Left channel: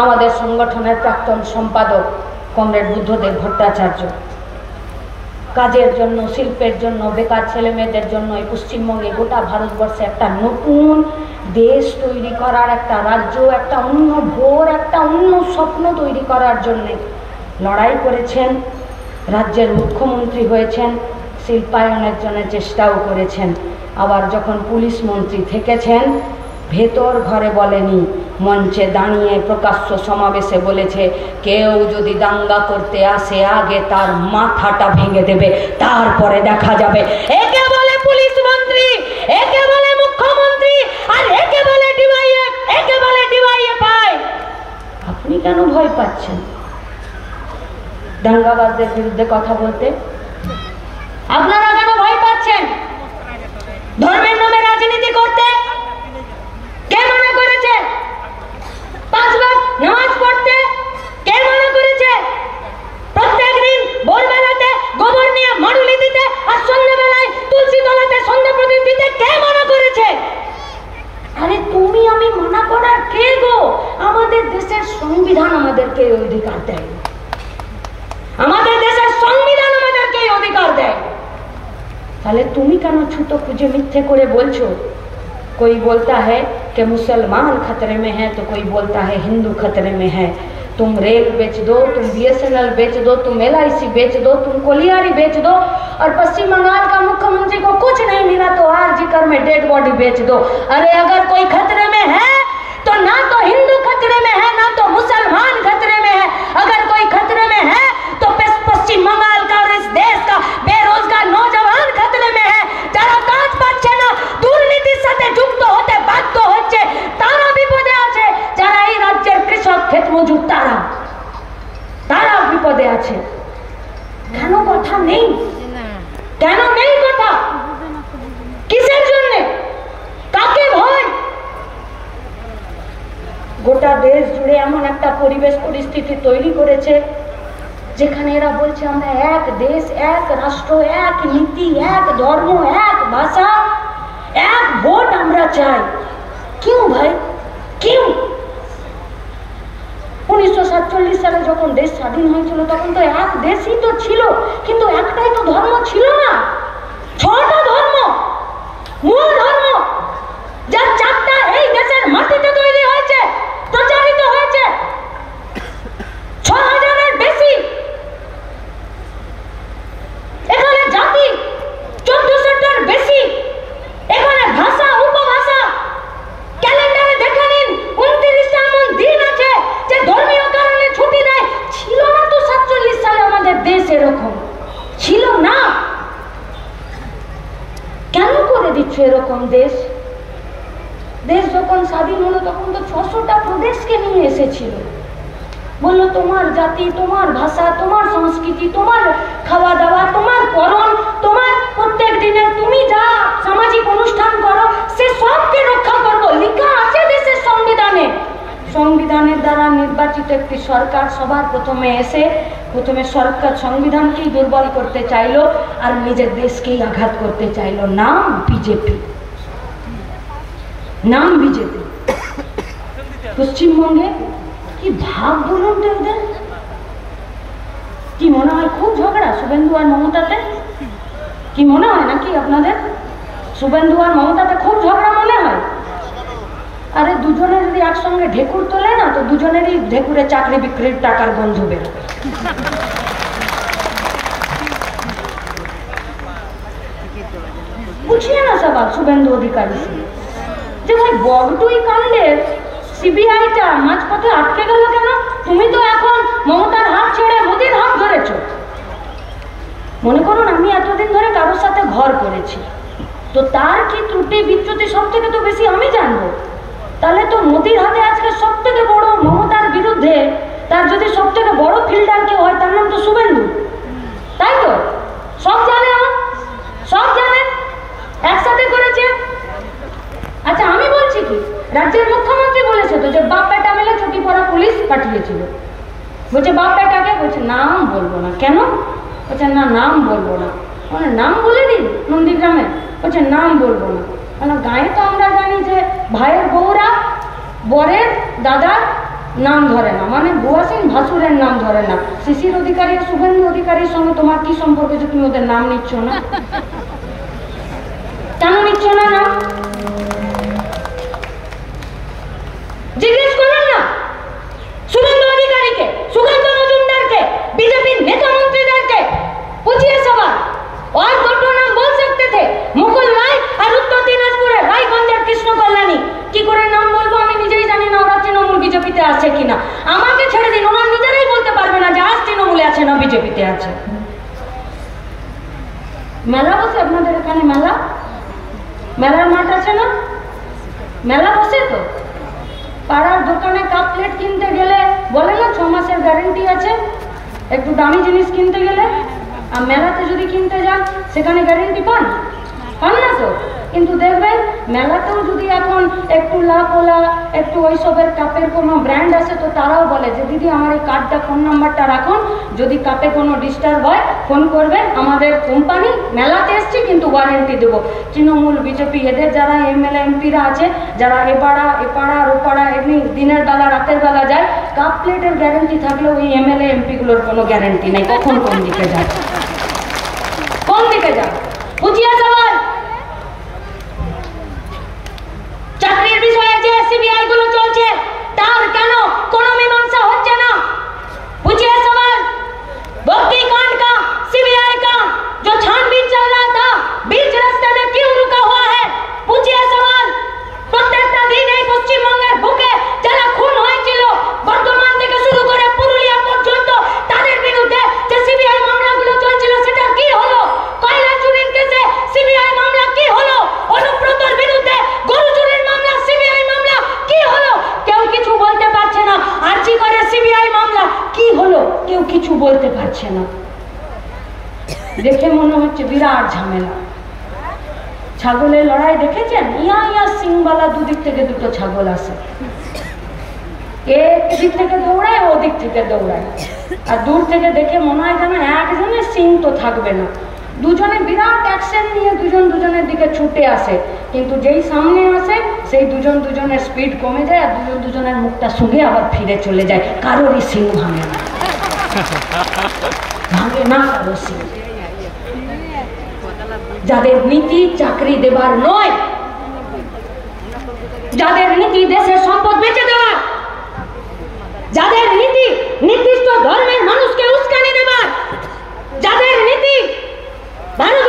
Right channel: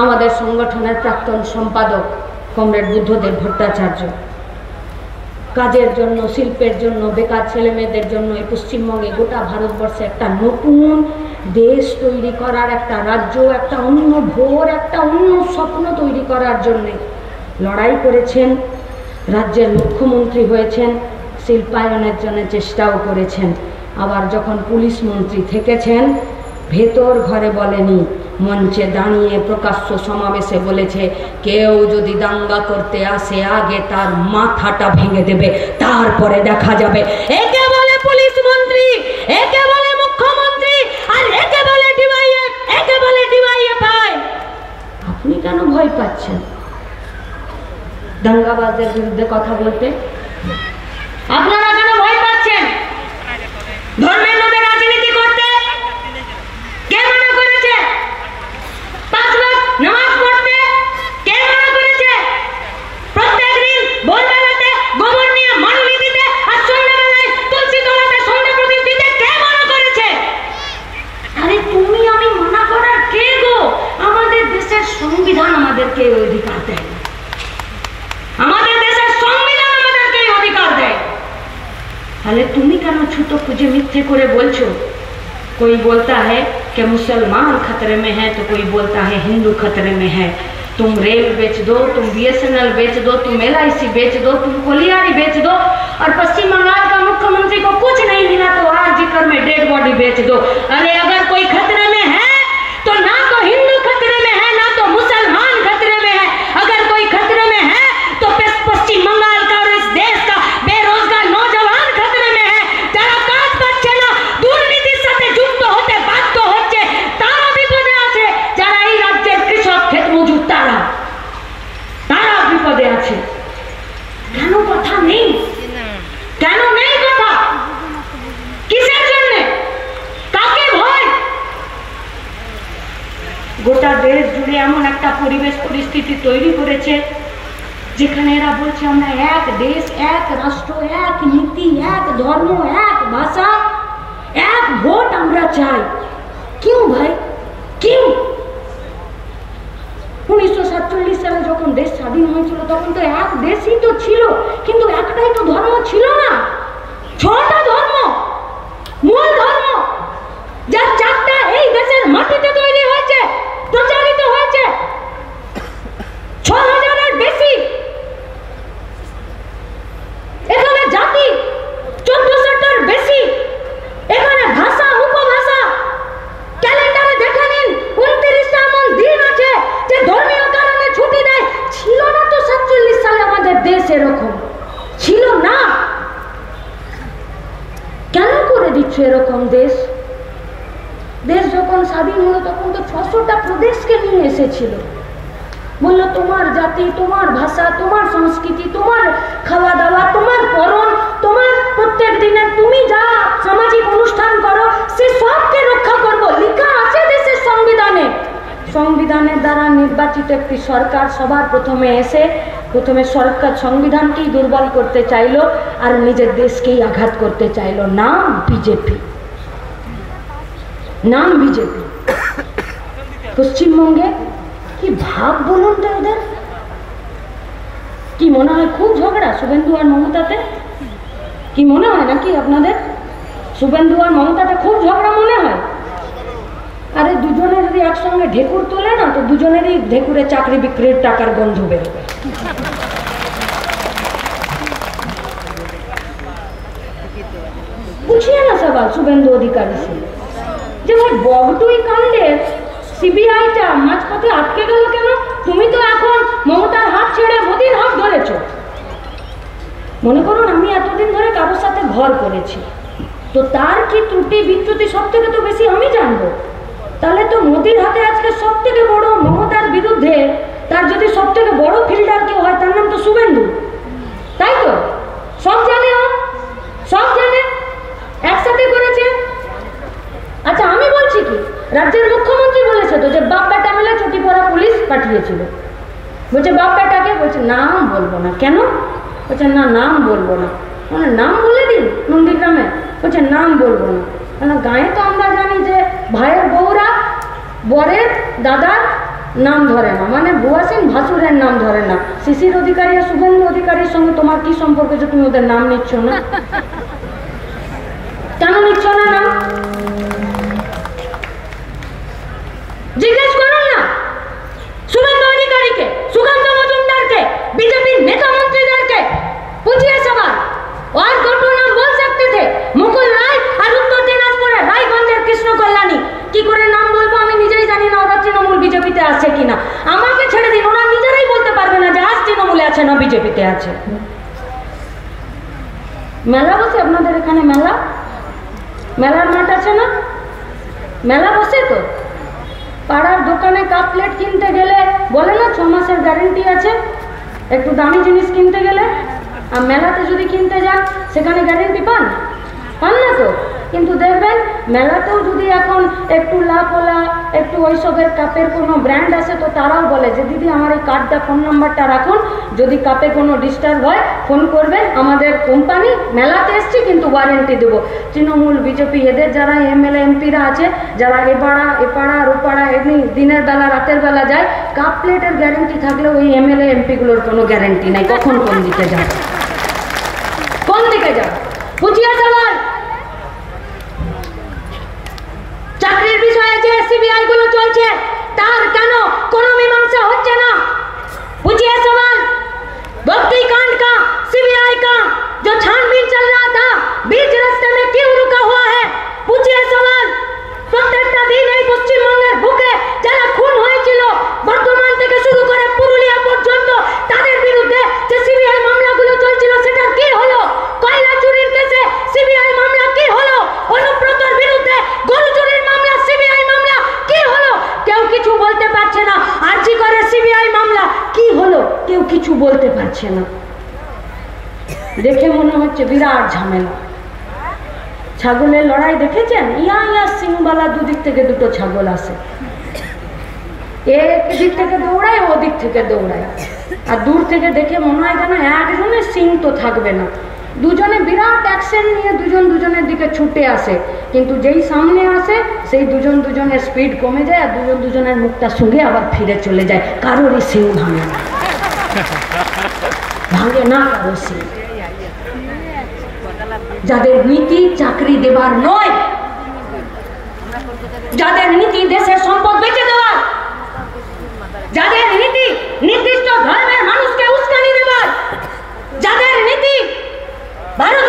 আমাদের সংগঠনের প্রাক্তন সম্পাদক কমরেড বুদ্ধদেব ভট্টাচার্য কাজের জন্য, শিল্পের জন্য, বেকার ছেলে মেয়েদের জন্য এই পশ্চিমবঙ্গে, গোটা ভারতবর্ষে একটা নতুন দেশ তৈরি করার, একটা রাজ্য, একটা অন্য ভোর, একটা অন্য স্বপ্ন তৈরি করার জন্যে লড়াই করেছেন। রাজ্যের মুখ্যমন্ত্রী হয়েছেন, শিল্পায়নের জন্য চেষ্টাও করেছেন। আবার যখন পুলিশ মন্ত্রী থেকেছেন, ভেতর ঘরে বলেনি, মঞ্চে দাঁড়িয়ে প্রকাশ্য সমাবেশে বলেছে, কেউ যদি দাঙ্গা করতে আসে আগে তার মাথাটা ভেঙে দেবে, তারপরে দেখা যাবে। একে বলে পুলিশ মন্ত্রী, একে বলে মুখ্যমন্ত্রী, আর একে বলে ডিওয়াইএফ, একে বলে ডিওয়াইএফআই। আপনি কেন ভয় পাচ্ছেন দাঙ্গাবাজদের বিরুদ্ধে কথা বলতে? আপনারা কেন ভয় পাচ্ছেন ধর্মের নামে রাজনীতি করতে? কে মনে করেছে 5 লাখ নামাজ পড়তে? কে মনে করেছে প্রত্যেক দিন ভোরবেলাতে গোবর নিয়ে মানলি দিতে আর সন্ধ্যাবেলায় তুলসী তলাতে সন্ধ্যা প্রদীপ দিতে? কে মনে করেছে? আরে তুমি আমি মানা করার কে গো? আমাদের দেশের সংবিধান আমাদেরকে এই অধিকার দেয়। আমাদের দেশের সংবিধান আমাদেরকে এই অধিকার দেয়। তাহলে তুমি কেন ছুতো খুঁজে মিথ্যে করে বলছো? कोई बोलता है कि मुसलमान खतरे में है, तो कोई बोलता है हिंदू खतरे में है। तुम रेल बेच दो, तुम BSNL बेच दो, तुम LIC बेच दो, तुम कोलियारी बेच दो, और पश्चिम बंगाल का मुख्यमंत्री को कुछ नहीं मिला तो आरजीकर में डेड बॉडी बेच दो। अरे अगर कोई खतरे में है तो ना तो हिंदू खतरे में है, ना तो मुसलमान खतरे में है। अगर कोई खतरे में है तो पश्चिम बंगाल का और इस देश का बेरोजगार नौजवान खतरे में है। যারা কাজ পাচ্ছে না, দুর্নীতির সাথে যুক্ত হতে বাধ্য হচ্ছে, তারা বিপদে আছে। যারা এই রাজ্যের কৃষক, ক্ষেত মজুর, তারা বিপদে আছে। কেন কথা নেই? কেন নেই কথা? কিসের জন্য? কাকে ভয়? গোটা দেশ জুড়ে এমন একটা পরিবেশ পরিস্থিতি তৈরি করেছে যেখানে এরা বলছে আমরা এক দেশ, এক রাষ্ট্র, এক নীতি, এক ধর্ম, এক ভাষা, এক ভোট আমরা চাই। কেউ ভাই, কেউ? 1947 সালে যখন দেশ স্বাধীন হয়েছিল তখন তো এক দেশই তো ছিল, কিন্তু একটাই তো ধর্ম ছিল না, 6টা ধর্ম, মূল ধর্ম, যার 4টা এই দেশের মাটিতে তৈরি হয়েছে, প্রচারিত হয়েছে, 6000-এর বেশি। এখানে জাতি 1400টার বেশি। এখানে ভাষা, উপভাষা, ক্যালেন্ডারে দেখে নিন 29টা এমন দিন আছে যে ধর্মীয় কারণে ছুটি নেয়। ছিল না তো 47 সালে আমাদের দেশ এরকম ছিল না। কেন করে দিচ্ছ এরকম দেশ? দেশ যখন স্বাধীন হলো তখন তো 600টা প্রদেশকে নিয়ে এসেছিল। বললো তোমার জাতি, তোমার ভাষা, তোমার সংস্কৃতি, তোমার খাওয়া দাওয়া, তোমার পরন, তোমার প্রত্যেক দিনে তুমি যা সামাজিক অনুষ্ঠান করো সে সবকে রক্ষা করবো। লেখা আছে দেশের সংবিধানে। সংবিধানের দ্বারা নির্বাচিত একটি সরকার সবার প্রথমে এসে সরকার সংবিধানকেই দুর্বল করতে চাইলো আর নিজের দেশকেই আঘাত করতে চাইলো। নাম বিজেপি, নাম বিজেপি। পশ্চিমবঙ্গে কি ভাব বলুন তো ওদের? কি মনে হয় খুব ঝগড়া শুভেন্দু আর মমতাতে? কি মনে হয় নাকি আপনাদের শুভেন্দু আর মমতাতে খুব ঝগড়া মনে হয়? আরে দুজনে যদি একসঙ্গে ঢেকুর তোলে না তো দুজনেরই ঢেকুরে চাকরি বিক্রির টাকার গন্ধ বেরোবে। पूछिए ना सवाल शुभेंदु अधिकारी से, যেখানে বগটুই কাণ্ডের সিবিআইটা মাঝপথে আটকে গেল কেন? তুমি তো এখন মমতার হাত ছেড়ে মোদির হাত ধরেছ। মনে করুন আমি এতদিন ধরে কারোর সাথে ঘর করেছি, তো তার কি ত্রুটি বিচ্যুতি সব থেকে তো বেশি আমি জানবো। তাহলে তো মোদির হাতে আজকে সব থেকে বড়, মমতার বিরুদ্ধে তার যদি সব থেকে বড় ফিল্ডার কেউ হয় তার নাম তো শুভেন্দু, তাই তো? সব জানে, সব জানে, একসাথে করেছে। আচ্ছা আমি বলছি কি, রাজ্যের মুখ্যমন্ত্রী বলেছে তো যে বাপ বেটা মিলে ছুটি পড়া পুলিশ পাঠিয়েছিল। বলছে বাপ বেটাকে, বলছে নাম বলবো না। কেন? বলছে না নাম বলবো না। মানে নাম বলে দিন নন্দীগ্রামে? বলছে নাম বলবো না। কেন? গায়ে তো আমরা জানি যে ভাইয়ের বউরা বরের দাদার নাম ধরে না, মানে বুয়াসিন ভাসুরের নাম ধরে না। শিশির অধিকারী আর শুভেন্দু অধিকারীর সঙ্গে তোমার কি সম্পর্ক যে তুমি ওদের নাম নিচ্ছ না? কেন নিচ্ছ না নাম? জিজ্ঞেস করুন না শুভেন্দু অধিকারীকে, সুকান্ত মজুমদারকে, बीजेपी नेता मंत्रीদেরকে पूछिए सवाल। और দুটো নাম বল सकते थे, মুকুল রায় আর উত্তর দিনাজপুরের রায়গঞ্জের কৃষ্ণ কল্যাণী। কি করে নাম বলবো আমি নিজেই জানি না, ওরা তৃণমূল বিজেপিতে আছে কিনা। আমাকে ছেড়ে দিন, ওরা নিজেরাই বলতে পারবে না যে আজ তৃণমূলে আছে না বিজেপিতে আছে। মেলা বসে আপনাদের এখানে, মেলা, মেলার মাঠ আছে না, মেলা বসে তো। পাড়ার দোকানে কাপ প্লেট কিনতে গেলে বলে না 6 মাসের গ্যারেন্টি আছে, একটু দামি জিনিস কিনতে গেলে। আর মেলাতে যদি কিনতে যান সেখানে গ্যারেন্টি পান না তো। কিন্তু দেখবেন মেলাতেও যদি এখন একটু লাপোলা একটু ওইসবের কাপের কোনো ব্র্যান্ড আছে তো তারাও বলে যে দিদি আমার এই কার্ডটা, ফোন নাম্বারটা রাখুন, যদি কাপে কোনো ডিস্টার্ব হয় ফোন করবেন, আমাদের কোম্পানি মেলাতে এসছি কিন্তু ওয়ারেন্টি দেবো। তৃণমূল বিজেপি এদের যারা এমএলএ এমপিরা আছে, যারা এ পাড়া ও পাড়া এমনি দিনের বেলা রাতের বেলা যায়, কাপ প্লেটের গ্যারেন্টি থাকলেও ওই এমএলএ এমপিগুলোর কোনো গ্যারেন্টি নেই কখন কোন দিকে যায়, কোন দিকে যায়। বুঝিয়া সবার চাকরির বিষয়ে যে সিবিআই গুলো চলছে তার কেন কোনো মীমাংসা হচ্ছে না? पूछिए सवाल। भक्ति कांड का, सीबीआई का जो छानबीन चल रहा था बीच रास्ते में क्यों रुका हुआ है? पूछिए सवाल। প্রত্যেকটা দিন এই পশ্চিমবঙ্গের বুকে যারা খুন হয়েছিল বর্তমান থেকে শুরু করে পুরুলিয়া পর্যন্ত তাদের বিরুদ্ধে যে সিবিআই মামলাগুলো চলছিল সেটা কি হলো? কয়লা চুরির কেসে সিবিআই মামলা কি হলো? অনুব্রতর বিরুদ্ধে গরু চুরির মামলা সিবিআই মামলা কি হলো? কেউ কিছু বলতে পারছে না। আরজি করে সিবিআই মামলা কি হলো? কেউ কিছু বলতে পারছে না। দেখে মনে হচ্ছে বিরাট ঝামেলা। ছাগলের লড়াই দেখেছেন? ইয়া সিংবালা দুদিক থেকে দুটো ছাগল আসে, এক দিক থেকে দৌড়ায় ও দিক থেকে দৌড়ায়, আর দূর থেকে দেখে মনে হয় যেন একজনের সিং তো থাকবে না। দুজনে বিরাট অ্যাকশন নিয়ে দুজন দুজনের দিকে ছুটে আসে, কিন্তু যেই সামনে আসে সেই দুজন দুজনের স্পিড কমে যায় আর দুজন দুজনের মুখটা শুনে আবার ফিরে চলে যায়। কারোরই সিং ভাঙে না, ভাঙে না কারো সিং। যাদের নীতি চাকরি দেবার নয়, যাদের নীতি দেশের সম্পদ বেঁচে দেওয়ার, যাদের নীতি নির্দিষ্ট ধর্মের মানুষকে উস্কানি দেওয়ার, যাদের নীতি ভারত